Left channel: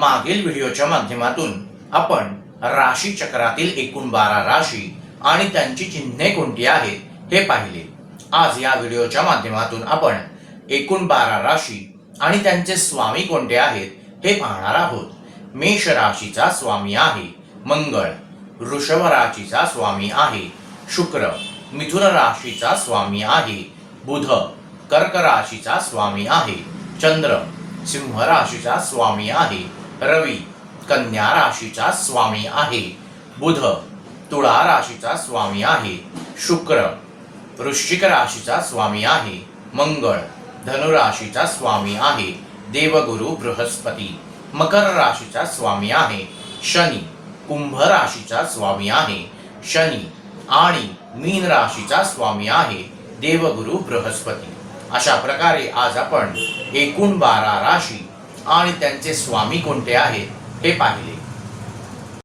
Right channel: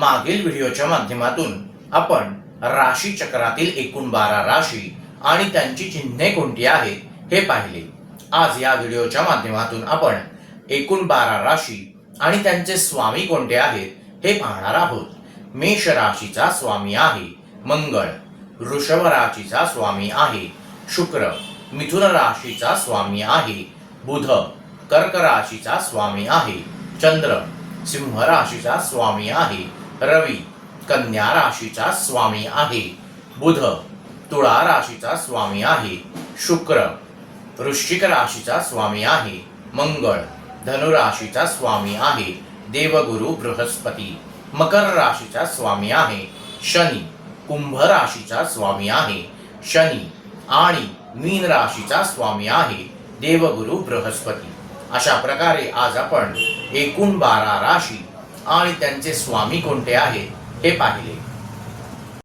मागील व्हिडिओच्या माध्यमातून आपण राशी चक्रातील एकूण 12 राशी आणि त्यांची चिन्हे कोणती आहेत हे पाहिले. आज या व्हिडिओच्या माध्यमातून आपण एकूण 12 राशी आणि त्यांचे स्वामी कोणते आहेत हे पाहणार आहोत. मेष राशीचा स्वामी आहे मंगळ, वृषभ राशीचा स्वामी आहे शुक्र, मिथुन राशीचा स्वामी आहे बुध, कर्क राशीचा स्वामी आहे चंद्र, सिंह राशीचा स्वामी आहे रवी, कन्या राशीचा स्वामी आहे बुध, तुळा राशीचा स्वामी आहे शुक्र, वृश्चिक राशीचा स्वामी आहे मंगळ, धनु राशीचा स्वामी आहे देवगुरु बृहस्पती, मकर राशीचा स्वामी आहे शनी, कुंभ राशीचा स्वामी आहे शनी आणि मीन राशीचा स्वामी आहे देवगुरु बृहस्पती. अशा प्रकारे आज आपण एकूण 12 राशी आणि त्यांचे स्वामी कोणते आहेत हे पाहिले.